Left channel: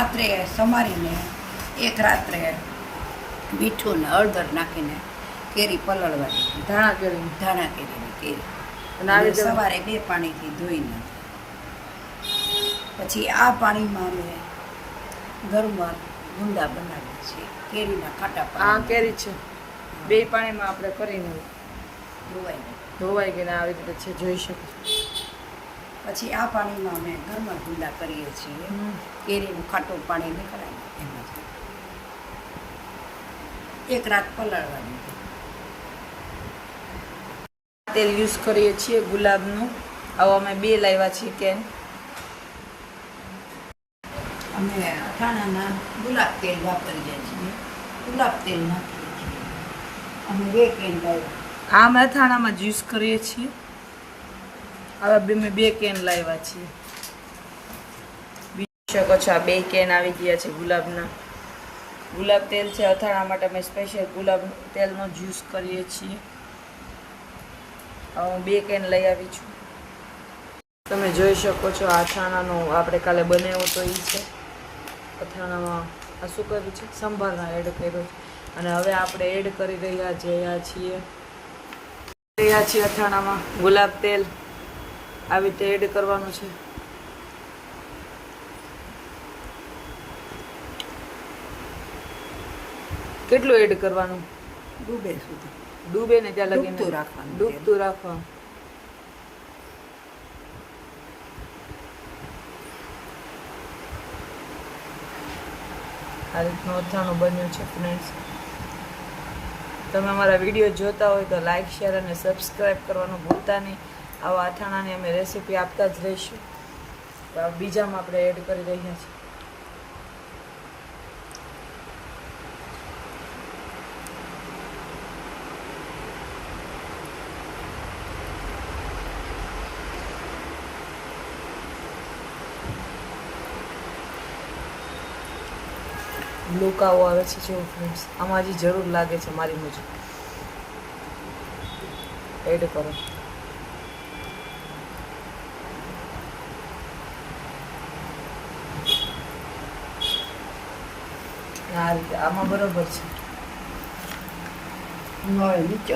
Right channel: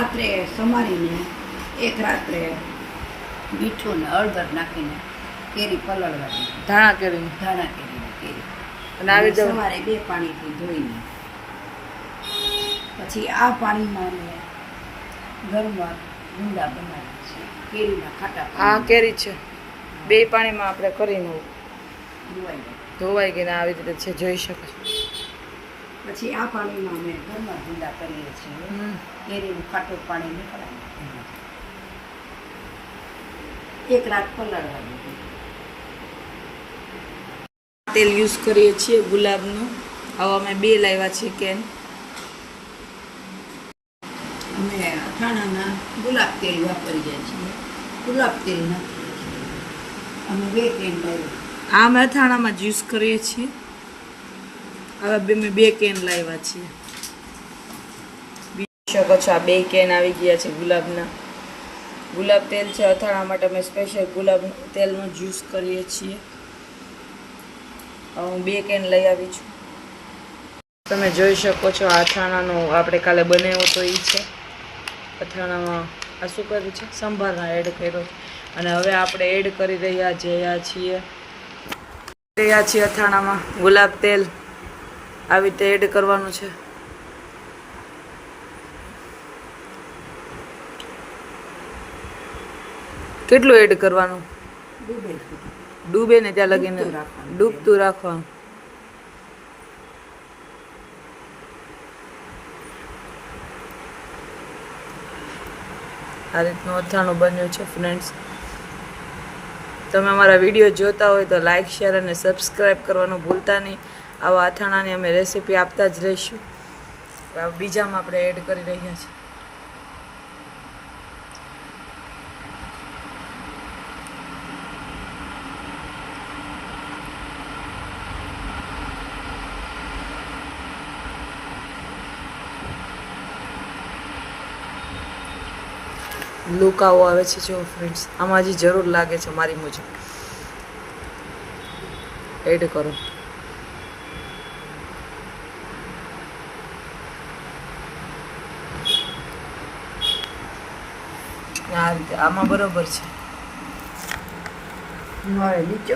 રાત્રે સમારીને એક રાત્રે મીઠું ને હળદર નાખીને કેરી પલળવાની, ધાણા કેરી કેરી અને આવી અને સવારે 2 પાણીથી ધોઈને પછી આ પાણીમાં અમે ઘરમાં ગુંદા બનાવીએ છીએ કેરીના ખાટા આ પાણી કેરી છે 2 પાણીમાં આપણે કરીને ધોવાઈ. ધોવાઈ ગઈને આવી રીતે છે, જોઈ શકો છો. પછી આ પાણીમાં અમે ઘરમાં ગુંદા કરીએ છીએ. કેરીનું ખાટું પાણી નીકળાય એમાંથી એક રાત પલાળવાનું. તેલ યુઝ કરીએ છીએ ગુલાબનું. આવો અમે 2 લાવ્યા છીએ કેન. અમે અથાણાના ગુલાબ તેલ વાપરીએ છીએ. ગુલાબ તેલ નાખીએ છીએ. અમે 2 કેન લાવ્યા. આ અમે અથાણામાં જ યુઝ કરીએ છીએ. હવે મેં 2 કેન લાવ્યા છીએ. શકો છો આ 2 કેન આવી ગયા છે ગુલાબના. ગુલાબ તેલ છે અથાણા માટે અમે સ્પેશિયલ ગુલાબ તેલનો જ યુઝ કરીએ છીએ. હું 2 કેન લઈ આવી છું. તમે જોઈ શકો છો આ અથાણાનો આપણે કાલે બનાવ્યો તો એ છે. અથાણામાં આ શું કર્યું છે, સંભારના એડ કર્યો અને હવે આપણે એડ કરી રહ્યા છીએ અથાણામાં ગુલાબ તેલ. આવી રીતે એડ કરવાનું છે. કેટલું એડ કરવાનું? ડૂબે સુધી. ડૂબે ને ત્યાં લગીને ડૂબતું રાખવાનું. આ રીતનું અથાણું બન્યું છે ફ્રેન્ડ્સ. તમે અમારા વિડીયો જોતા હોય તો લાઈક, શેર અને સબસ્ક્રાઈબ કરવાનું ભૂલતા નહીં. આવા અથાણાની અમે રેસીપી આપતા જ રહીશું. બીજામાં આપણે એડ કરી રહ્યા છીએ. લુક આવો આવે છે જો ફ્રેન્ડ્સ. આમાં હજી જરૂર લાગે છે મારી મુજબ. એડ કરો. આ રીતે આમાં બરોબર છે. નળે નીચે